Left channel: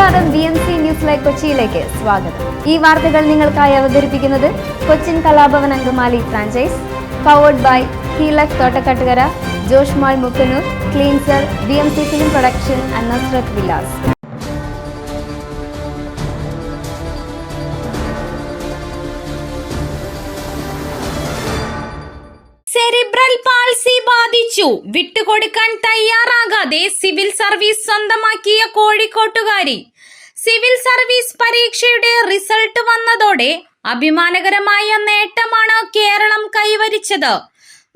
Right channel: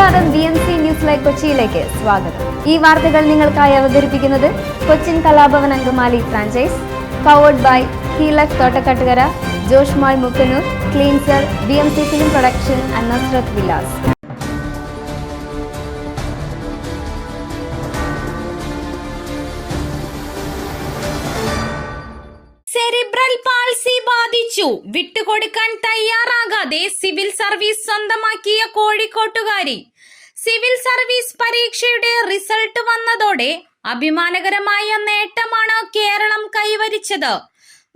നമസ്കാരം B M C news live കൊച്ചിയിലേക്ക് സ്വാഗതം. ഈ വാർത്തകൾ നിങ്ങൾക്കായി അവതരിപ്പിക്കുന്നത് Cochin Kalabhavan Angamaly franchise powered by Heelak Thottakkattukara Josh mall Mukkannoor cleanser B M C film production and Vilas cerebral ബാധിച്ചു. വിട്ടുകൊടുക്കാൻ തയ്യാറാകാതെ സിവിൽ സർവീസ് സ്വന്തമാക്കിയ കോഴിക്കോട്ടുകാരി. സിവിൽ സർവീസ് പരീക്ഷയുടെ റിസൾട്ട് വന്നതോടെ അഭിമാനകരമായ നേട്ടമാണ് കേരളം കൈവരിച്ചത്.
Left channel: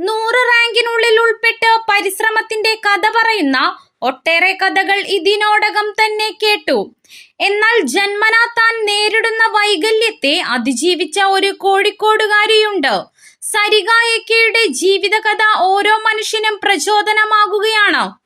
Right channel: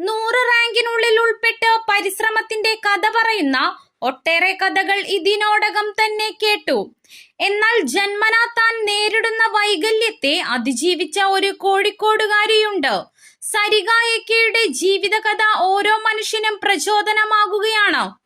നൂറ് റാങ്കിനുള്ളിൽ ഉൾപ്പെട്ട് പരിശ്രമത്തിന്റെ കഥ പറയുന്ന ഒട്ടേറെ കഥകൾ ഇതിനോടകം തന്നെ കേട്ടു. എന്നാൽ ജന്മനാ താൻ നേരിടുന്ന വൈകല്യത്തെ അതിജീവിച്ച ഒരു കോഴിക്കോടുകാരിയുണ്ട്. സരിക ജീവിതകഥ ഓരോ മനുഷ്യനും പ്രചോദനമാകുകയാണ്.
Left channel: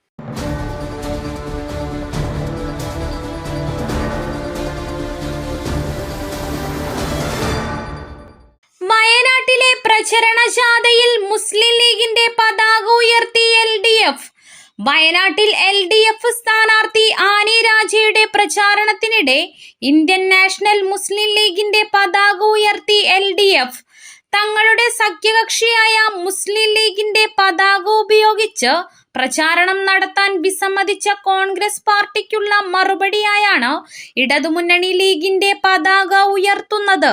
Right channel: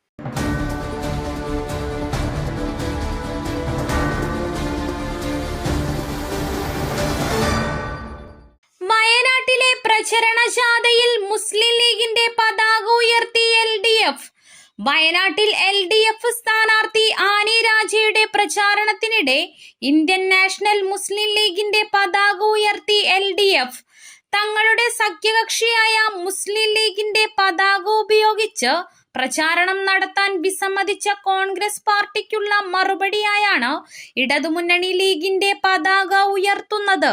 പ്രചാരണത്തിനിടെ ഇന്ത്യൻ നാഷണൽ മുസ്ലിം ലീഗിന്റെ പതാക ഉയർത്തി എൽ ഡി എഫ്. തങ്ങളുടെ സഖ്യകക്ഷിയായ മുസ്ലിം ലീഗിന്റെ പതാക ഉപയോഗിച്ച് പ്രചാരണം നടത്താൻ വിസമ്മതിച്ച കോൺഗ്രസ് പാർട്ടിക്കുള്ള മറുപടിയായാണ് ഇടതുമുന്നണി ലീഗിന്റെ പതാക ഉയർത്തുന്നത്.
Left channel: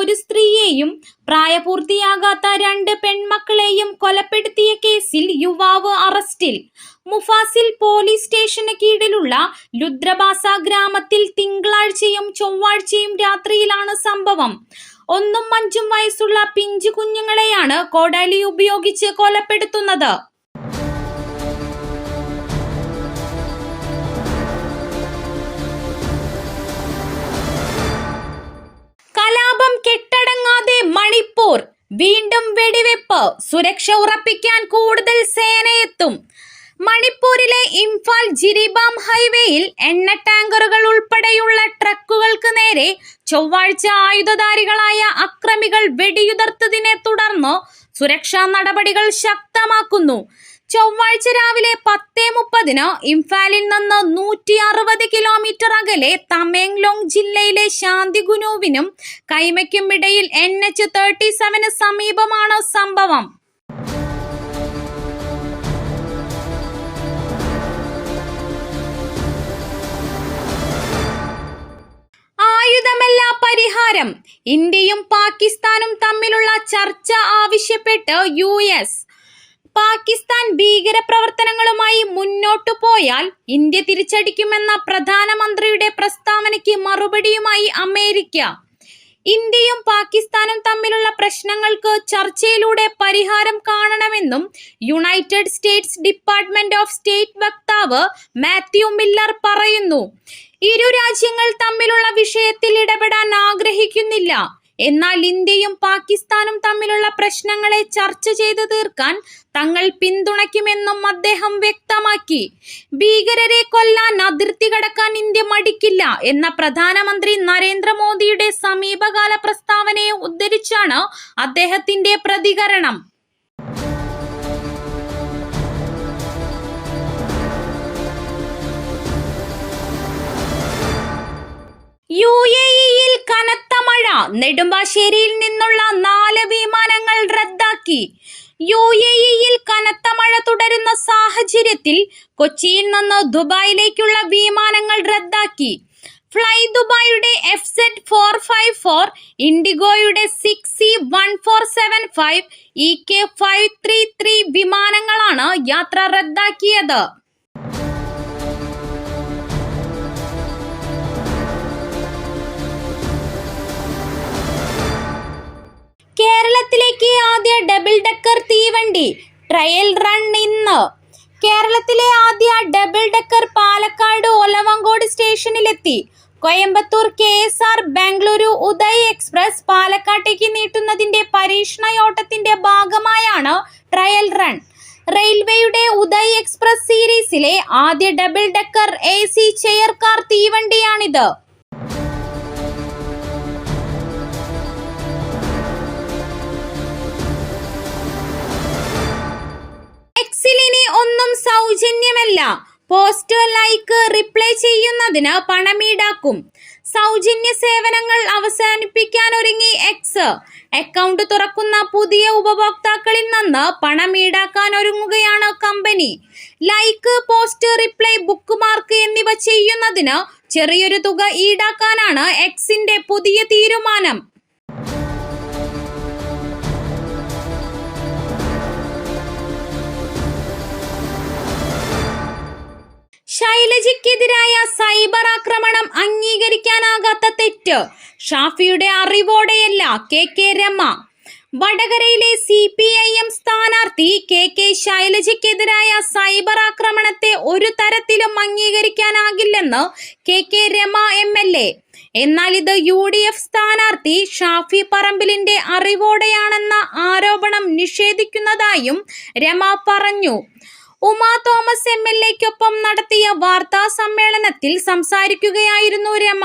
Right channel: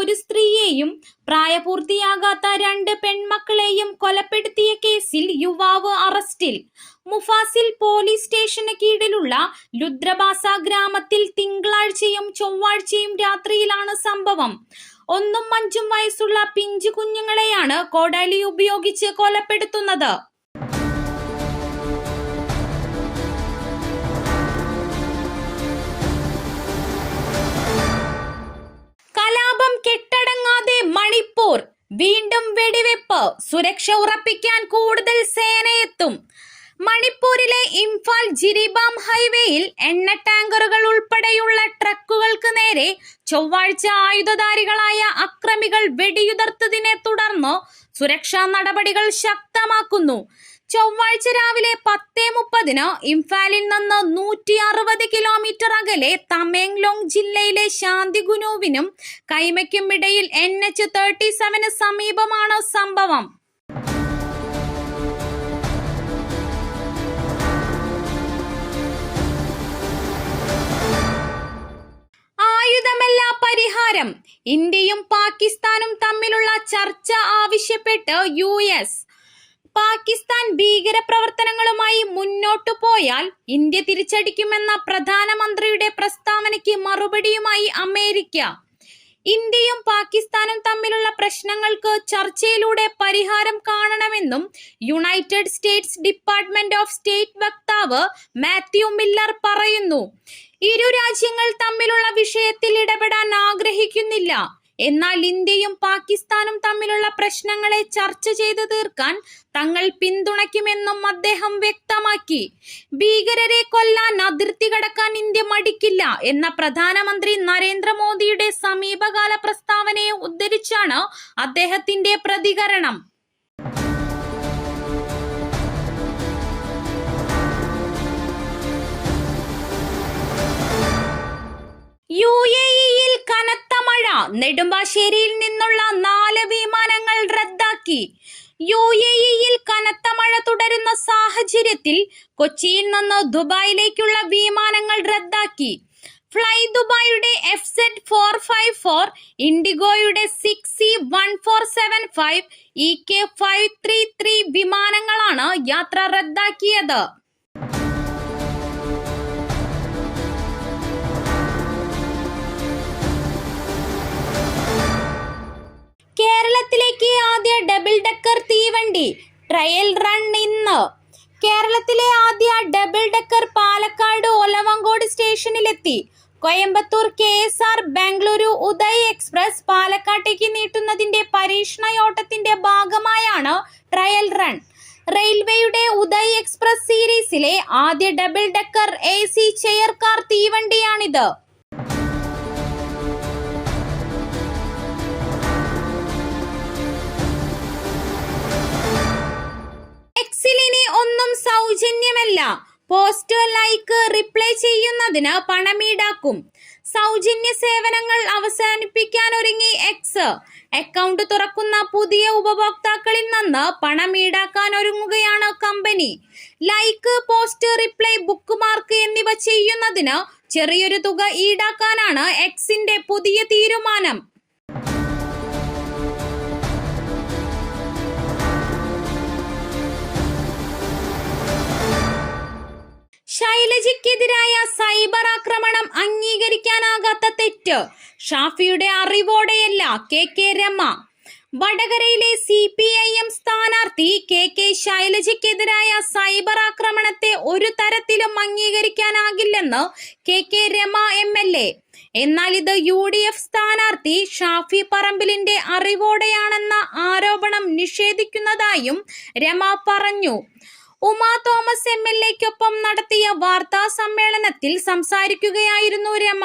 ഒരു സ്ത്രീയെയും പ്രായപൂർത്തിയാകാത്ത രണ്ട് പെൺമക്കളെയും കൊലപ്പെടുത്തിയ കേസിൽ യുവാവ് അറസ്റ്റിൽ. മുഫാസിൽ പോലീസ് സ്റ്റേഷന് കീഴിലുള്ള ലുദ്രബാസ ഗ്രാമത്തിൽ തിങ്കളാഴ്ചയും ചൊവ്വാഴ്ചയും രാത്രിയിലാണ് സംഭവം. ഒന്നും അഞ്ചും വയസ്സുള്ള പിഞ്ചു കുഞ്ഞുങ്ങളെയാണ് കോടാലി ഉപയോഗിച്ച് കൊലപ്പെടുത്തുന്നത്. സുരക്ഷ ഉറപ്പിക്കാൻ കൂടുതൽ സേനയെത്തും. മണിപ്പൂരിലെ ഇംഫാൽ ജിരിബാം ഹൈവേയിൽ എണ്ണ ടാങ്കറുകൾ ഉൾപ്പെടെയുള്ള ട്രക്കുകൾക്ക് നേരെ ചൊവ്വാഴ്ച ആയുധധാരികളായ അക്രമികൾ വെടിയുതിർത്തതിനെ തുടർന്ന് സുരക്ഷാ നടപടികൾ ശക്തമാക്കുന്നു. ചൊവ്വാഴ്ച രാവിലെ പത്തേ മുപ്പതിന് ഇംഫാലിൽ നിന്ന് നൂറ്റി അറുപത് കിലോമീറ്റർ അകലെ തമേങ്ലോങ് ജില്ലയിലെ ശാന്തിഗുനുവിനും കൈമയ്ക്കും ഇടയിൽ എൻ എച്ച് തേർട്ടി സെവന് സമീപമാണ് സംഭവം. പാകിസ്ഥാൻ ഭീകര പ്രവർത്തനങ്ങളുമായി മുന്നോട്ടു പോയാൽ ഇന്ത്യ തിരിച്ചടിക്കുമെന്ന പ്രധാനമന്ത്രിയുടെ പ്രസ്താവനയ്ക്ക് മറുപടിയുമായി അമേരിക്ക. ഇന്ത്യയും പാകിസ്ഥാനും തമ്മിലുള്ള പ്രശ്നങ്ങൾക്ക് ചർച്ചയിലൂടെ പരിഹാരം കാണണമെന്നും United States department of state വക്താവ് മാത്യു മില്ലർ പറയുന്നു. ഇരു രാജ്യങ്ങൾ തമ്മിലുള്ള വിഷയത്തിൽ ഇടപെടാൻ ആഗ്രഹിക്കുന്നില്ല. എന്നാൽ ഇന്ത്യയും പാകിസ്ഥാനും തമ്മിലുള്ള പ്രശ്നങ്ങളെ ചർച്ച ചെയ്തു തീർക്കാൻ തങ്ങൾ പിന്തുണയ്ക്കുമെന്നും അദ്ദേഹം വ്യക്തമാക്കി. ഭീകരരെ കൊല്ലാൻ അതിർത്തി കടക്കാൻ ഇന്ത്യ മടിക്കില്ല എന്ന പ്രധാനമന്ത്രി നരേന്ദ്രമോദിയുടെ സമീപകാല പ്രസ്താവനയെ ഉദ്ധരിച്ചാണ് അദ്ദേഹത്തിന്റെ പ്രതികരണം. യു എ നെടുമ്പാശ്ശേരിയിൽ നിന്നുള്ള നാല് വിമാനങ്ങൾ റദ്ദാക്കി. യു എ ഇയിൽ കനത്ത മഴ തുടരുന്ന സാഹചര്യത്തിൽ കൊച്ചിയിൽ നിന്ന് ദുബായിലേക്കുള്ള വിമാനങ്ങൾ റദ്ദാക്കി. Fly ദുബായിയുടെ F Z four five four ഇൻഡിഗോയുടെ six C one four seven five E K five three three വിമാനങ്ങളാണ് യാത്ര റദ്ദാക്കിയത്. Coimbatore K S R Bengaluru Uday express പാലക്കാട്ടേക്ക് നീട്ടുന്നതിന്റെ പരീക്ഷണയോട്ടത്തിന്റെ ഭാഗമായാണ് ട്രയൽ റൺ. റെയിൽവേയുടെ ഉദയ് എക്സ്പ്രസ് സീരീസിലെ ആദ്യ double decker A C chair car തീവണ്ടിയാണിത് ഒന്നും സൗജന്യമല്ല. പോസ്റ്റ് ലൈക്ക് റിപ്ലൈ ചെയ്യുന്നതിന് പണമീടാക്കും. സൗജന്യ സേവനങ്ങൾ അവസാനിപ്പിക്കാൻ ഒരുങ്ങി എക്സ് അക്കൗണ്ട് തുറക്കുന്ന പുതിയ ഉപഭോക്താക്കളിൽ നിന്ന് പണം ഈടാക്കാൻ ഒരുങ്ങുകയാണ് company like post reply bookmark എന്നിവ ചെയ്യുന്നതിന് ചെറിയൊരു തുക ഈടാക്കാനാണ് എക്സിന്റെ പുതിയ തീരുമാനം. ഷാഫിയുടെ അറിവോടെയല്ല കെ കെ രമ. വടകരയിലെ സി പി ഐ എം സ്ഥാനാർത്ഥി കെ കെ ശൈലജയ്ക്കെതിരായ സൈബർ ആക്രമണത്തെ ഒരു തരത്തിലും അംഗീകരിക്കാനാകില്ലെന്ന് K K Rema M L A. എന്നാൽ ഇത് യു ഡി എഫ് സ്ഥാനാർത്ഥി ഷാഫി പറമ്പിലിന്റെ അറിവോടെയാണെന്ന ആരോപണം നിഷേധിക്കുന്നതായും രമ പറഞ്ഞു. ഉമാ തോമസ് എം എൽ എക്കൊപ്പം നടത്തിയ വാർത്താ സമ്മേളനത്തിൽ സംസാരിക്കുകയായിരുന്നു രമ.